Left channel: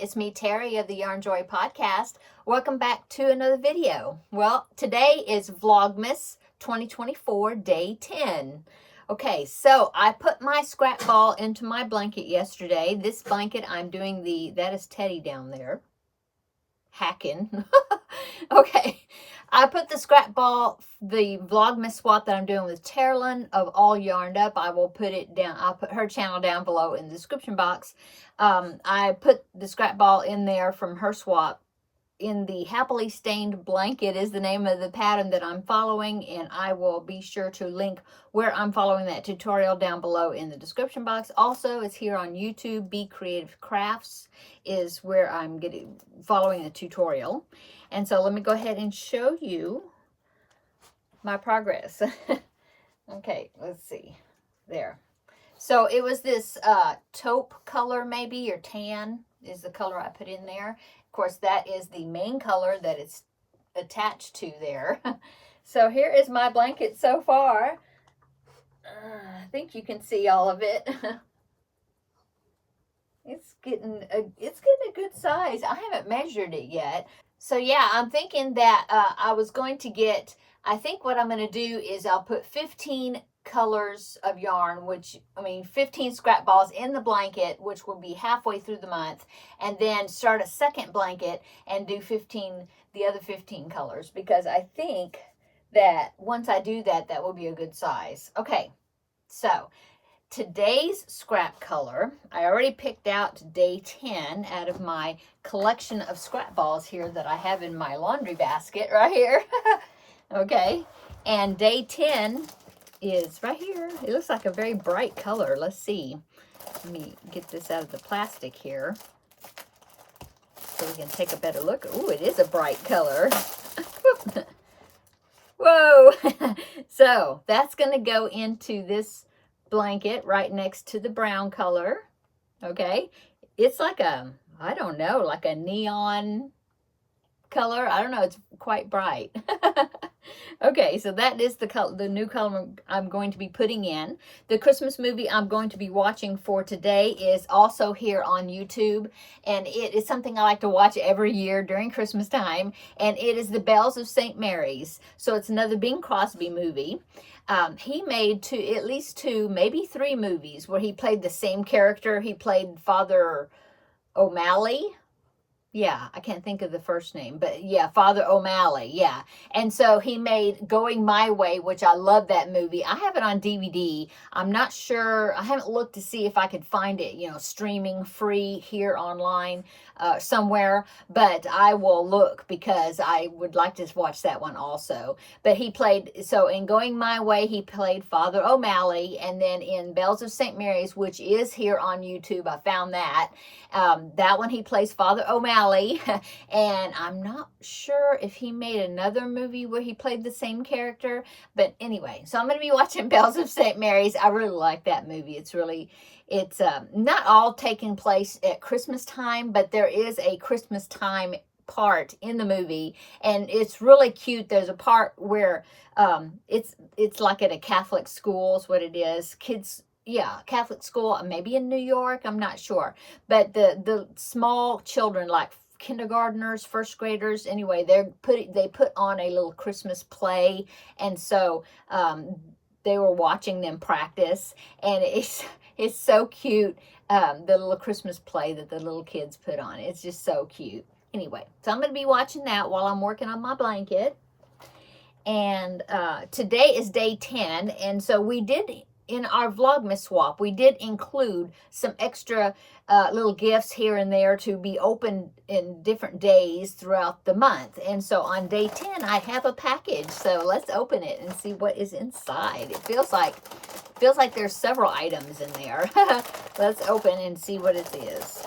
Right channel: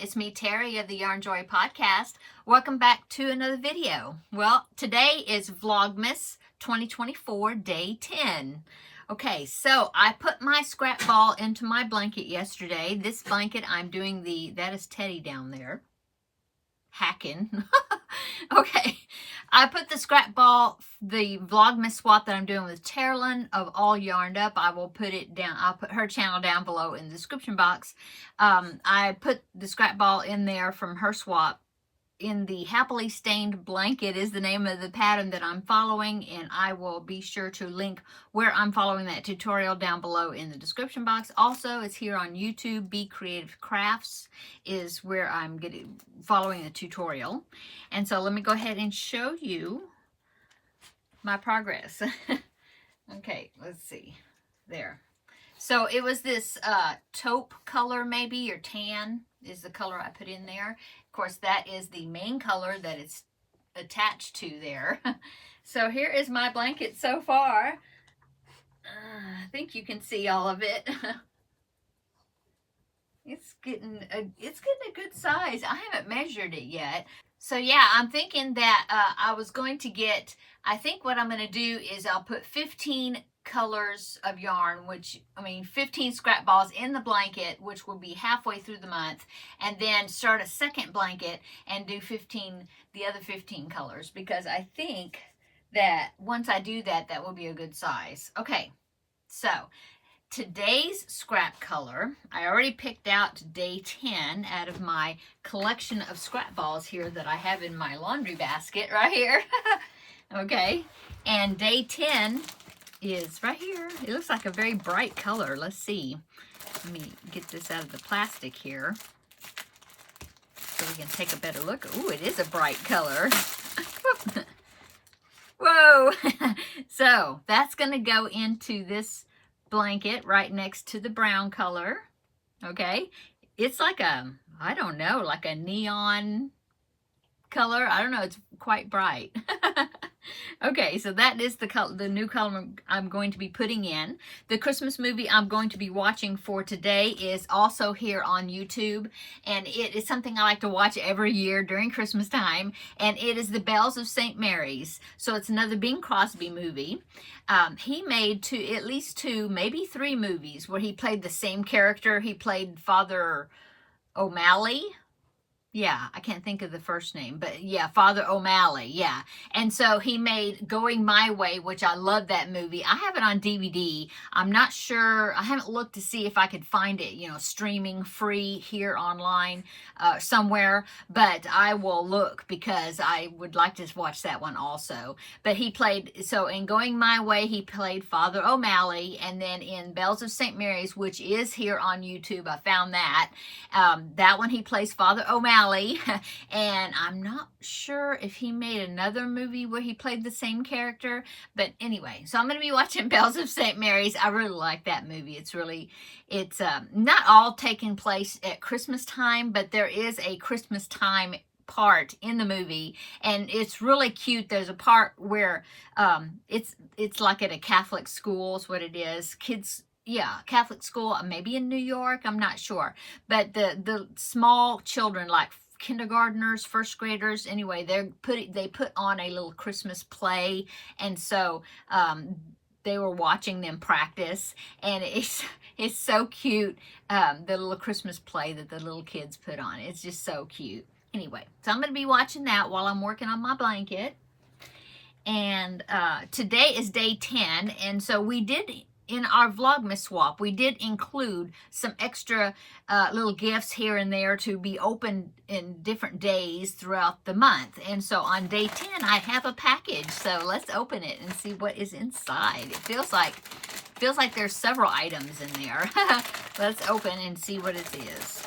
It's me, Terry of the Yarn Joy Podcast. Welcome back to another video. Well, today is Vlogmas 2024, day 10. Okay, so I put my scrap ball into my blanket yesterday. This blanket, I'm doing that is Teddy down there, hacking. Okay, I put the scrap ball, the Vlogmas swap that I'm doing with Terri of All Yarned Up. I will put it down. I'll put her channel down below in the description box. I put the scrap ball in there from her swap. In the Happily Stained Blanket is the name of the pattern that I'm following, and I will be sure to link where I'm following that tutorial down below in the description box. Also, it's here on YouTube. Be Creative Crafts is where I'm following the tutorial. And so let me go ahead and show you my progress. Okay, let's see. There. So it was this taupe color, maybe, or tan is the color I put in there. Of course, that is the main color that it's attached to there. So here is my blanket so far. I think you can see all of it. It's getting a good size. I haven't measured it yet. So yeah, I'm thinking that I was going to get, I think what I'm going to do is I'll put 15 colors of yarn, 15 scrap balls in the blanket, which will be halfway through the month, and then start a second blanket and do the other 15 colors, because I think that once I do that, that will be a good size. Okay, so today's scrap color, I already picked out day 10 out of my collection of scrap balls here that I have in my laundry basket right here. Okay, and day 10 is right here. It looks like a very bright color. Let's see. Let me get this out of the plastic here so we can take a better look. Ooh, it is a bright color. Whoa! So that's going to go into this blanket right next to the brown color. Okay, it's like I don't know, like a neon color. I don't know, it's quite bright. Okay, so that is the new color I'm going to be putting in. The Christmas movie I'm going to be watching for today is also here on YouTube, and it is something I like to watch every year during Christmas time, and it is The Bells of St. Mary's. So it's another Bing Crosby movie. He made at least two, maybe three movies where he played the same character. He played Father O'Malley. Yeah, I can't think of the first name, but yeah, Father O'Malley, yeah. And so he made Going My Way, which I love that movie. I have it on DVD. I'm not sure, I haven't looked to see if I could find it, streaming free here online somewhere, but I will look because I would like to watch that one also. But so in Going My Way, he played Father O'Malley, and then in Bells of St. Mary's, which is here on YouTube, I found that. That one he plays Father O'Malley. And I'm not sure if he made another movie where he played the same character, but anyway, so I'm going to be watching Bells of St. Mary's. I really like that movie. It's not all taking place at Christmas time, but there is a Christmas time part in the movie, and it's really cute. There's a part where it's like at a Catholic school is what it is. Kids, yeah, Catholic school, maybe in New York, I'm not sure. But the small children, like kindergartners, first graders, anyway, they put on a little Christmas play, and so they were watching them practice, and it's so cute, the little Christmas play that the little kids put on. It's just so cute. Anyway, so I'm going to be watching that while I'm working on my blanket. And today is day 10, and so in our Vlogmas swap, we did include some extra little gifts here and there to be opened in different days throughout the month. And so on day 10, I have a package. So let's open it and see what is inside. It feels like there's several items in there. Let's open and see what it is.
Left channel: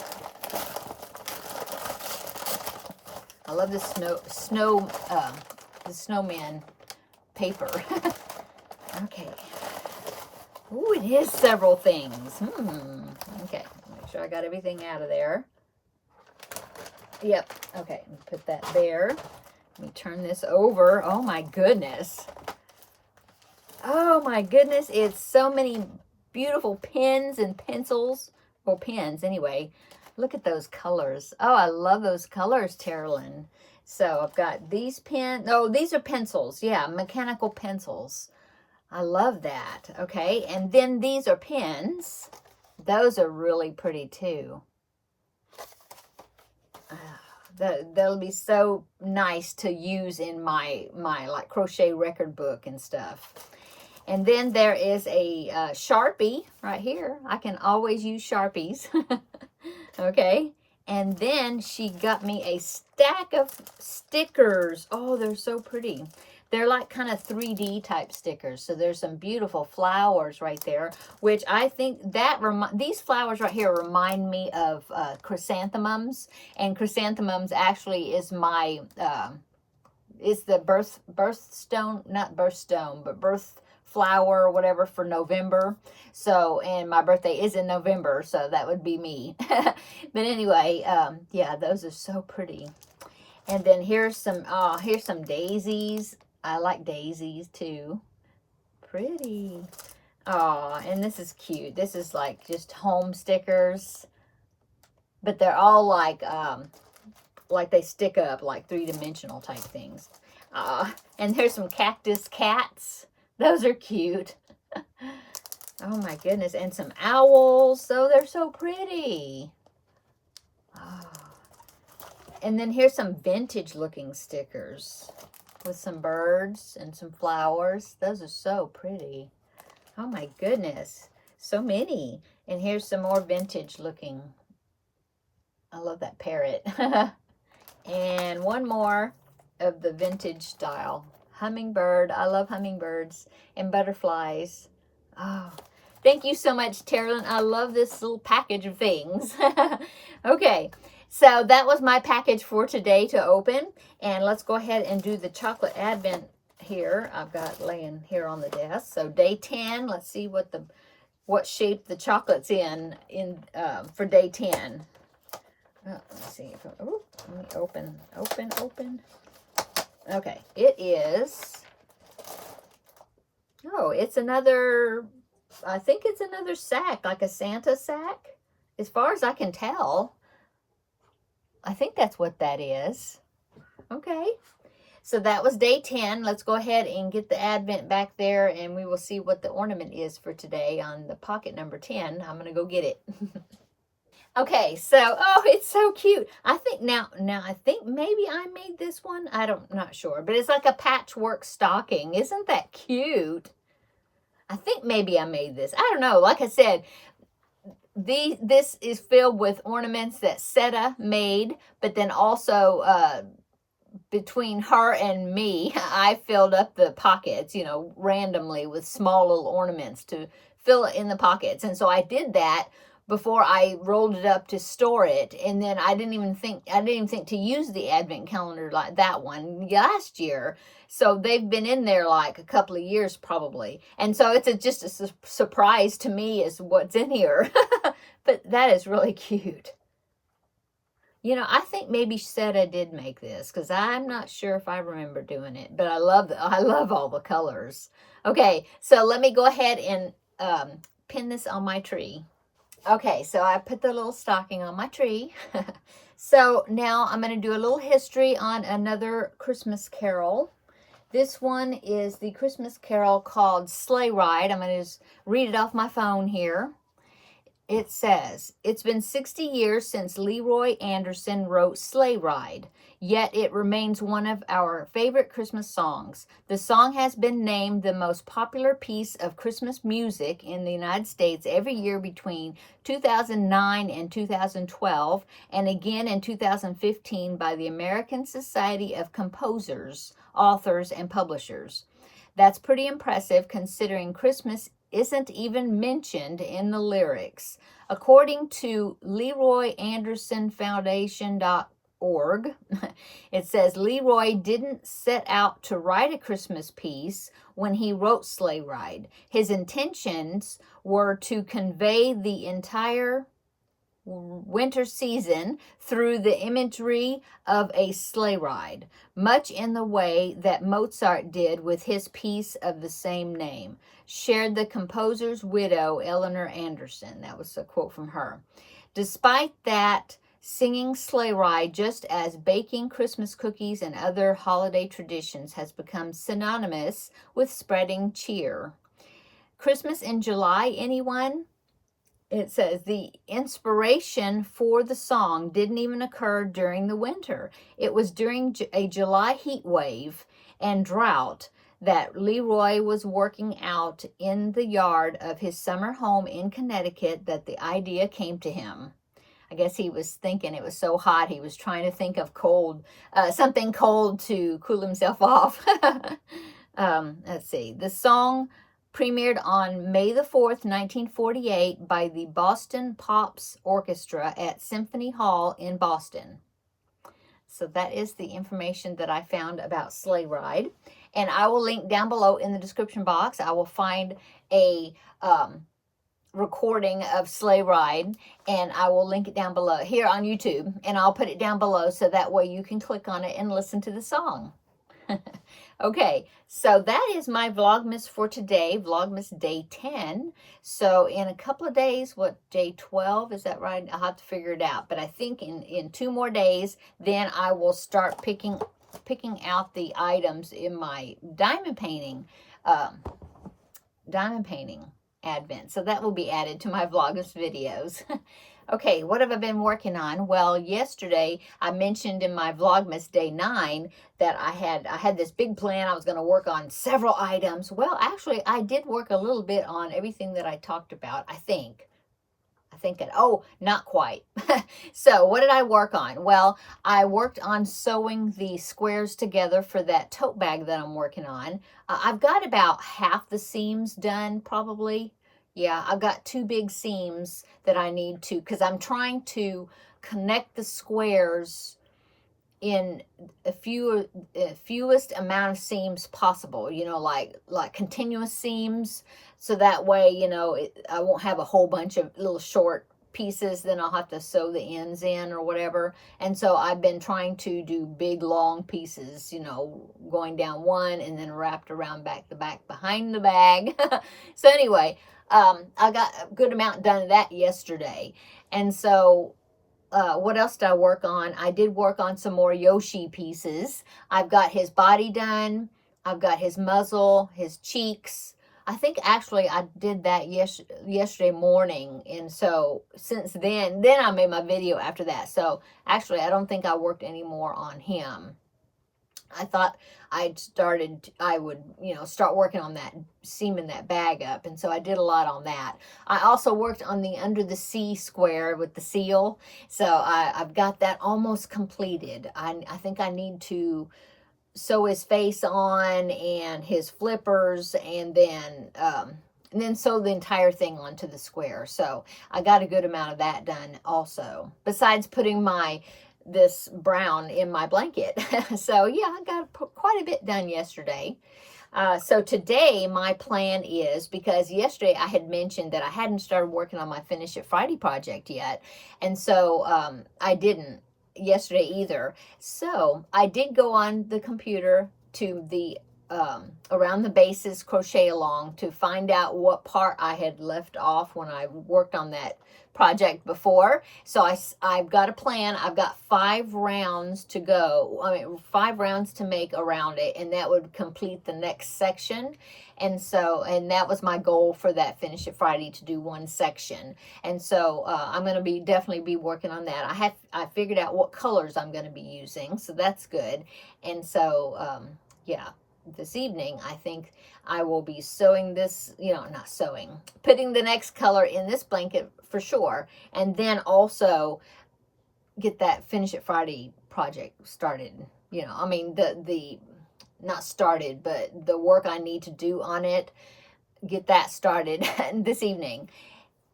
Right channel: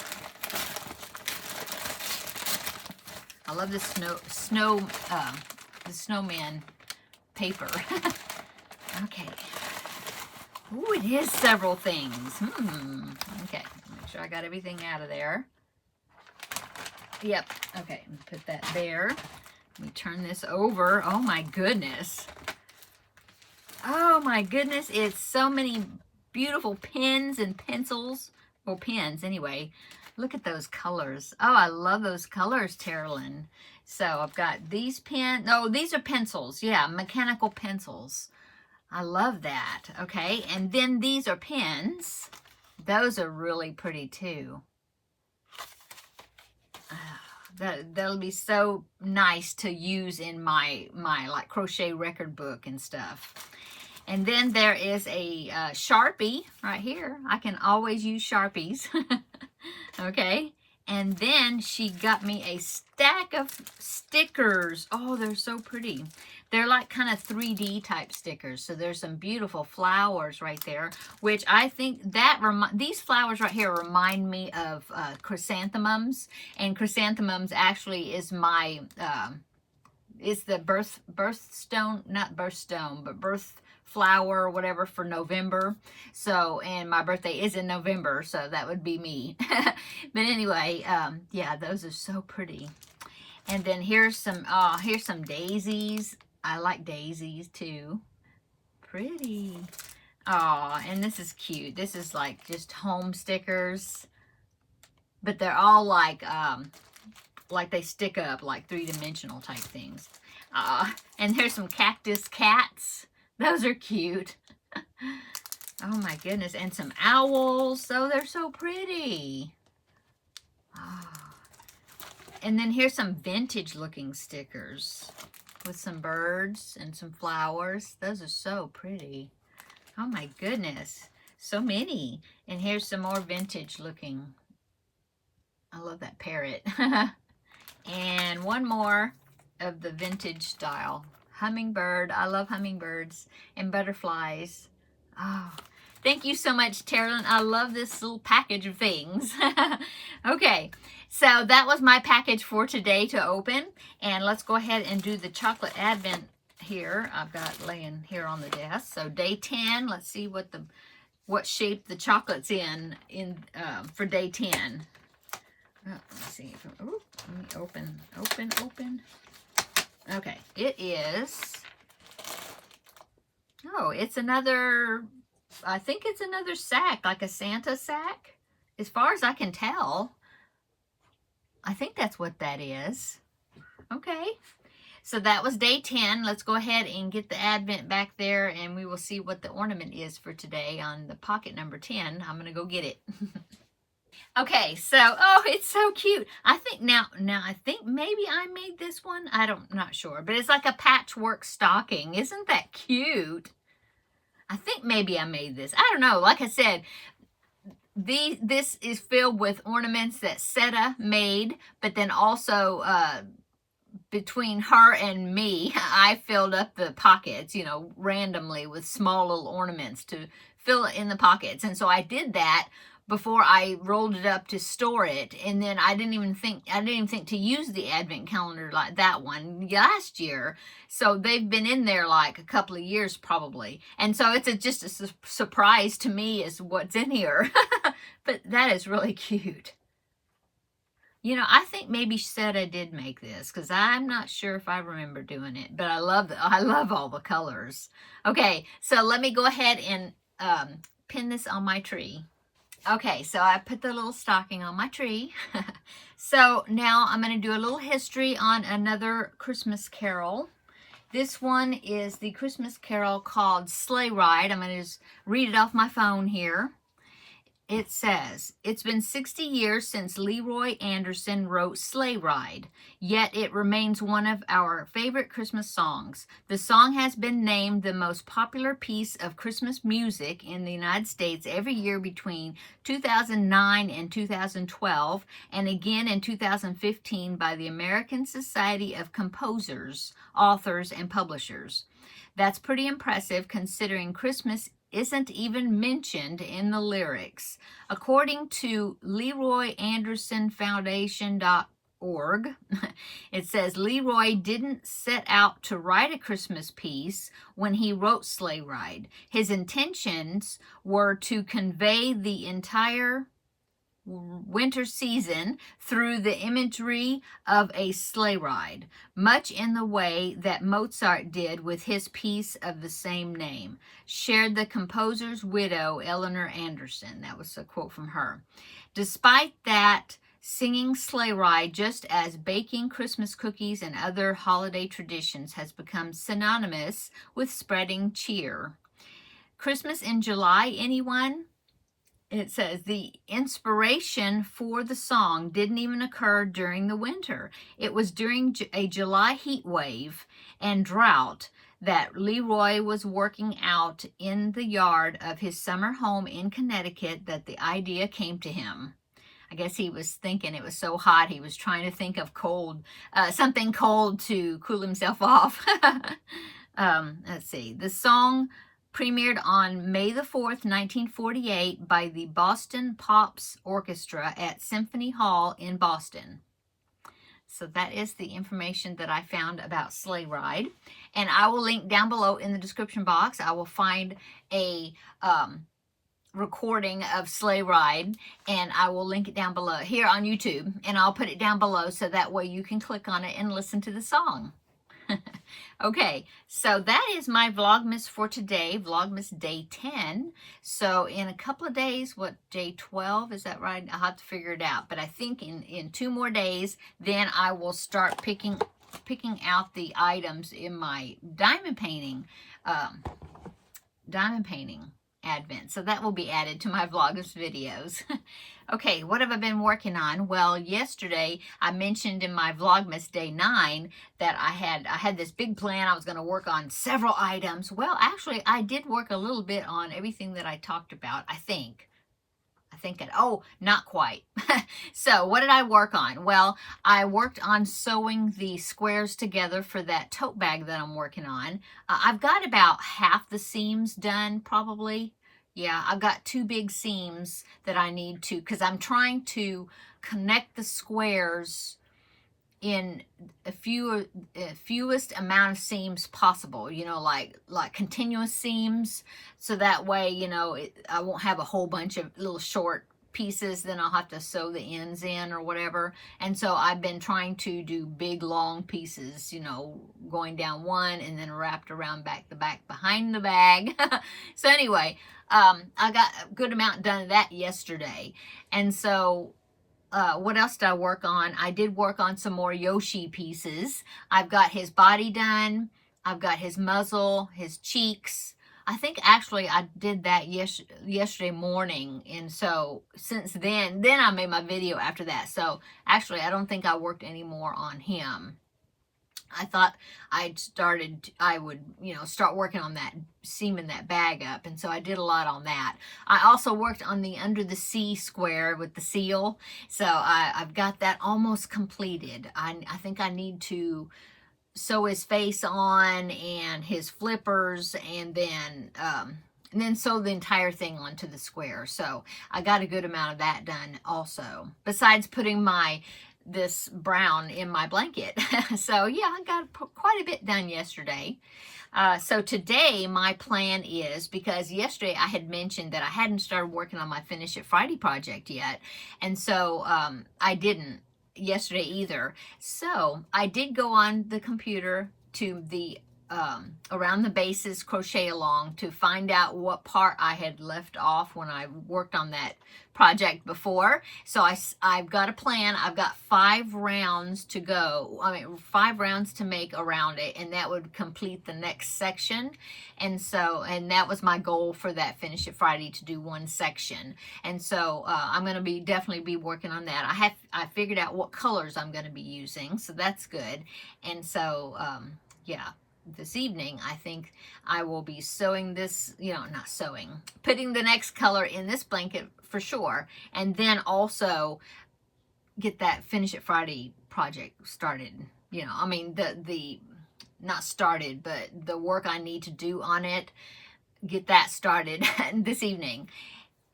I love the the snowman paper. Okay. Ooh, it is several things. Okay, make sure I got everything out of there. Yep, okay, put that there. Let me turn this over. Oh my goodness. Oh my goodness, it's so many beautiful pens and pencils. Well, pens anyway. Look at those colors. Oh, I love those colors, Terrilyn. So I've got these these are pencils. Yeah, mechanical pencils. I love that. Okay, and then these are pens. Those are really pretty too. That'll be so nice to use in my like crochet record book and stuff. And then there is a Sharpie right here. I can always use Sharpies. Okay. And then she got me a stack of stickers. Oh, they're so pretty. They're like kind of 3D type stickers. So there's some beautiful flowers right there, which I think that these flowers right here remind me of chrysanthemums. And chrysanthemums actually is my, is the birthstone, not birthstone, but birth flower or whatever for November. So, and my birthday is in November, so that would be me. But anyway, yeah, those are so pretty. And then here's some daisies. I like daisies too. Pretty. Oh, and this is cute. This is like just home stickers, but they're all like they stick up, like 3-dimensional type things. And there's some cactus cats. Those are cute. Oh my goodness. And some owls. Oh, they're so pretty. Oh. And then here's some vintage looking stickers with some birds and some flowers. Those are so pretty. Oh my goodness. So many. And here's some more vintage looking. I love that parrot. And one more of the vintage style. Hummingbird. I love hummingbirds and butterflies. Oh, thank you so much, Terrilyn. I love this little package of things. Okay, so that was my package for today to open. And let's go ahead and do the chocolate advent here. I've got laying here on the desk. So day 10, let's see what shape the chocolate's in for day 10. Let's see. Let me open. Okay, it is, it's another, I think it's another sack, like a Santa sack, as far as I can tell. I think that's what that is. Okay, so that was day 10. Let's go ahead and get the advent back there, and we will see what the ornament is for today on the pocket number 10. I'm going to go get it. Okay, so, oh, it's so cute. I think now I think maybe I made this one. Not sure, but it's like a patchwork stocking. Isn't that cute? I think maybe I made this. I don't know. Like I said, this is filled with ornaments that Seta made, but then also between her and me, I filled up the pockets, randomly with small little ornaments to fill it in the pockets. And so I did that before I rolled it up to store it, and then I didn't even think to use the advent calendar like that one last year. So they've been in there like a couple of years probably, and so it's just a surprise to me as what's in here. But that is really cute. I think maybe Seta did make this, because I'm not sure if I remember doing it, but I love all the colors. Okay, so let me go ahead and pin this on my tree. Okay, so I put the little stocking on my tree. So now I'm going to do a little history on another Christmas carol. This one is the Christmas carol called Sleigh Ride. I'm going to just read it off my phone here. It says, "It's been 60 years since Leroy Anderson wrote Sleigh Ride, yet it remains one of our favorite Christmas songs. The song has been named the most popular piece of Christmas music in the United States every year between 2009 and 2012, and again in 2015 by the American Society of Composers, Authors, and Publishers. That's pretty impressive considering Christmas isn't even mentioned in the lyrics. According to LeroyAndersonFoundation.org, it says Leroy didn't set out to write a Christmas piece when he wrote Sleigh Ride. His intentions were to convey the entire winter season through the imagery of a sleigh ride, much in the way that Mozart did with his piece of the same name, shared the composer's widow, Eleanor Anderson." That was a quote from her. Despite that, singing Sleigh Ride, just as baking Christmas cookies and other holiday traditions, has become synonymous with spreading cheer. Christmas in July, anyone? It says the inspiration for the song didn't even occur during the winter. It was during a July heat wave and drought that Leroy was working out in the yard of his summer home in Connecticut that the idea came to him. I guess he was thinking it was so hot, he was trying to think of cold, something cold to cool himself off. Let's see. The song premiered on May the 4th, 1948 by the Boston Pops Orchestra at Symphony Hall in Boston. So that is the information that I found about Sleigh Ride. And I will link down below in the description box. I will find a recording of Sleigh Ride, and I will link it down below here on YouTube, and I'll put it down below so that way you can click on it and listen to the song. Okay, so that is my Vlogmas for today, Vlogmas day 10. So in a couple of days, what, day 12, is that right? I'll have to figure it out, but I think in 2 more days, then I will start picking out the items in my diamond painting advent. So that will be added to my Vlogmas videos. Okay, what have I been working on? Well, yesterday I mentioned in my Vlogmas day 9 that I had this big plan. I was going to work on several items. Well, actually, I did work a little bit on everything that I talked about, I think. Oh, not quite. So what did I work on? Well, I worked on sewing the squares together for that tote bag that I'm working on. I've got about half the seams done, probably. Yeah, I've got 2 big seams that I need to, because I'm trying to connect the squares in fewest amount of seams possible, you know, like continuous seams, so that way, you know, I won't have a whole bunch of little short pieces, then I'll have to sew the ends in or whatever. And so I've been trying to do big long pieces, you know, going down one and then wrapped around the back behind the bag. So anyway, I got a good amount done of that yesterday. And so what else did I work on? I did work on some more Yoshi pieces. I've got his body done. I've got his muzzle, his cheeks. I think actually I did that yesterday morning. And so since then I made my video after that. So actually I don't think I worked any more on him. I thought I would, you know, start working on that, seaming that bag up. And so I did a lot on that. I also worked on the under the sea square with the seal. So I've got that almost completed. I think I need to sew his face on and his flippers, and then sew the entire thing onto the square. So I got a good amount of that done also, besides putting this brown in my blanket. So yeah, I got quite a bit done yesterday. So today my plan is, because yesterday I had mentioned that I hadn't started working on my Finish It Friday project yet. And so I didn't yesterday either. So I did go on the computer to the around the bases crochet along to find out what part I had left off when I worked on that project before. So I've got a plan. I've got 5 rounds to go. 5 rounds to make around it, and that would complete the next section. And that was my goal for that Finish It Friday, to do 1 section. And so I'm going to definitely be working on that. I figured out what colors I'm going to be using, so that's good. And so yeah, this evening I think I will be sewing this, you know, not sewing, putting the next color in this blanket for sure, and then also get that Finish It Friday project started. You know, I mean, the not started, but the work I need to do on it, get that started this evening.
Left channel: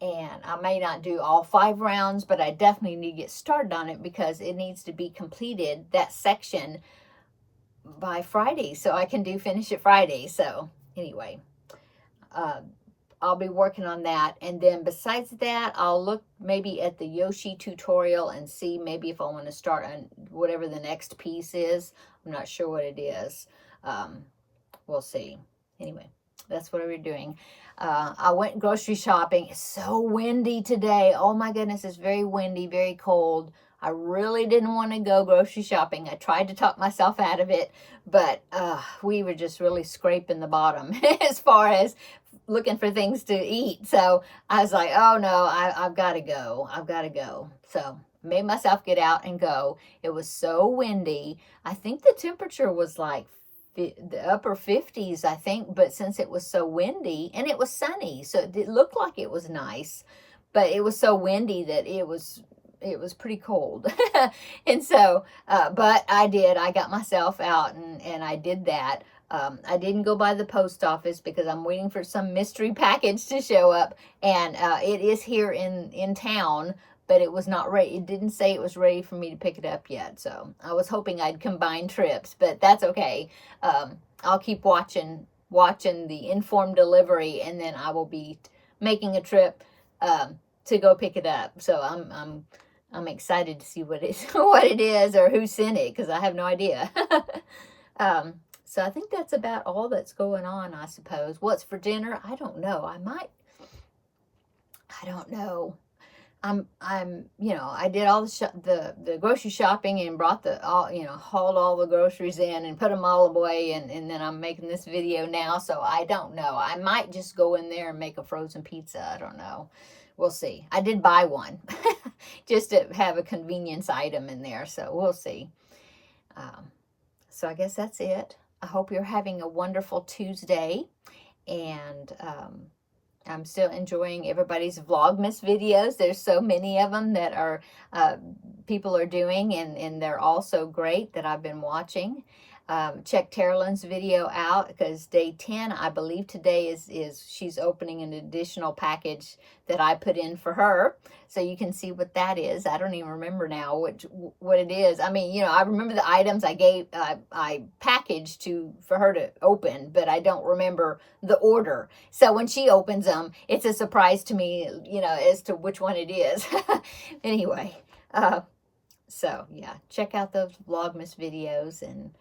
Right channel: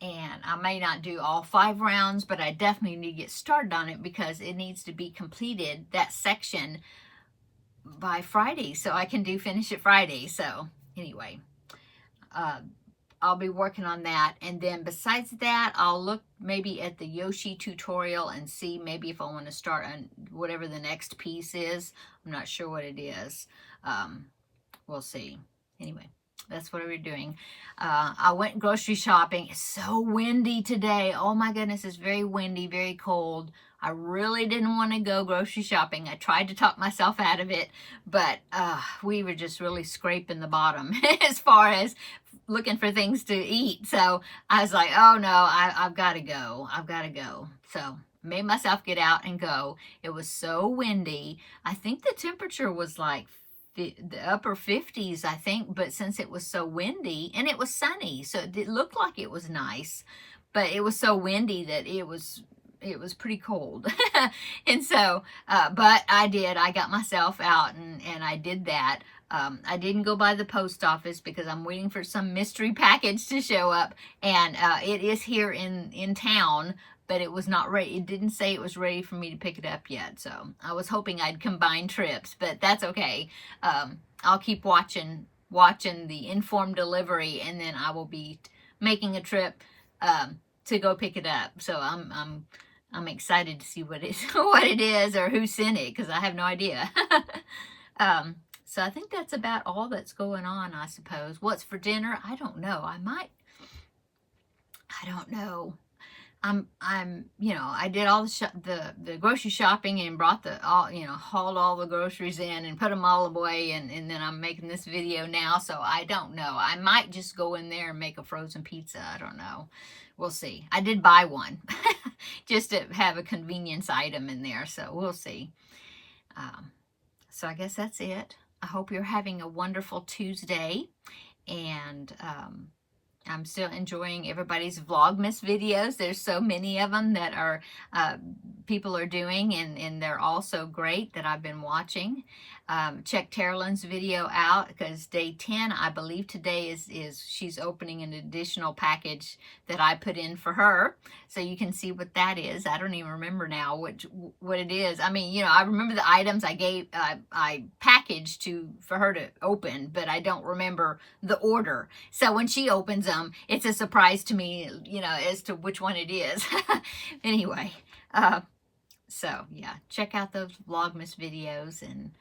And I may not do all 5 rounds, but I definitely need to get started on it, because it needs to be completed, that section, by Friday, so I can do Finish It Friday. So anyway, I'll be working on that. And then besides that, I'll look maybe at the Yoshi tutorial and see maybe if I want to start on whatever the next piece is. I'm not sure what it is. We'll see. Anyway, that's what we're doing. I went grocery shopping. It's so windy today. Oh my goodness, it's very windy, very cold. I really didn't want to go grocery shopping. I tried to talk myself out of it, but we were just really scraping the bottom as far as looking for things to eat. So I was like, oh no, I've got to go. I've got to go. So made myself get out and go. It was so windy. I think the temperature was like the upper 50s, I think, but since it was so windy and it was sunny, so it looked like it was nice, but it was so windy that it was pretty cold. And so, but I got myself out and I did that. I didn't go by the post office because I'm waiting for some mystery package to show up, and it is here in town, but it was not ready. It didn't say it was ready for me to pick it up yet. So I was hoping I'd combine trips, but that's okay. I'll keep watching the informed delivery, and then I will be making a trip to go pick it up. So I'm excited to see what it is or who sent it, because I have no idea. So I think that's about all that's going on, I suppose. What's for dinner? I don't know. I don't know. I did all the grocery shopping and brought hauled all the groceries in and put them all away, and then I'm making this video now, so I don't know. I might just go in there and make a frozen pizza. I don't know. We'll see. I did buy one just to have a convenience item in there, so we'll see. So I guess that's it. I hope you're having a wonderful Tuesday, and I'm still enjoying everybody's Vlogmas videos. There's so many of them that are people are doing, and they're all so great that I've been watching. Check Terrilyn's video out, because day 10, I believe today is she's opening an additional package that I put in for her. So you can see what that is. I don't even remember now what it is. I mean, I remember the items I packaged for her to open, but I don't remember the order. So when she opens them, it's a surprise to me, as to which one it is. Anyway, so yeah, check out those Vlogmas videos, and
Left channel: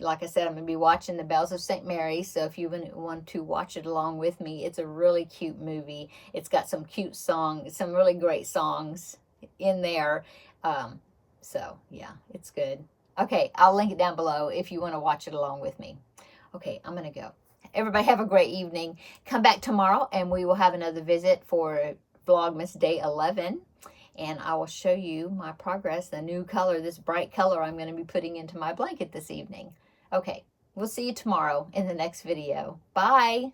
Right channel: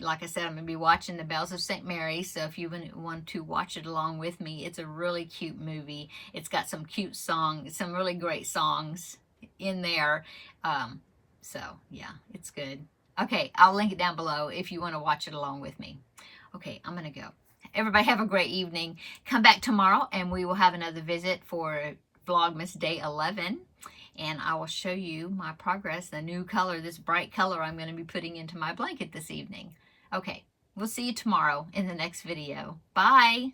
like I said, I'm going to be watching The Bells of St. Mary, so if you want to watch it along with me, it's a really cute movie. It's got some cute songs, some really great songs in there. So, yeah, it's good. Okay, I'll link it down below if you want to watch it along with me. Okay, I'm going to go. Everybody have a great evening. Come back tomorrow, and we will have another visit for Vlogmas Day 11. And I will show you my progress, the new color, this bright color I'm going to be putting into my blanket this evening. Okay, we'll see you tomorrow in the next video. Bye!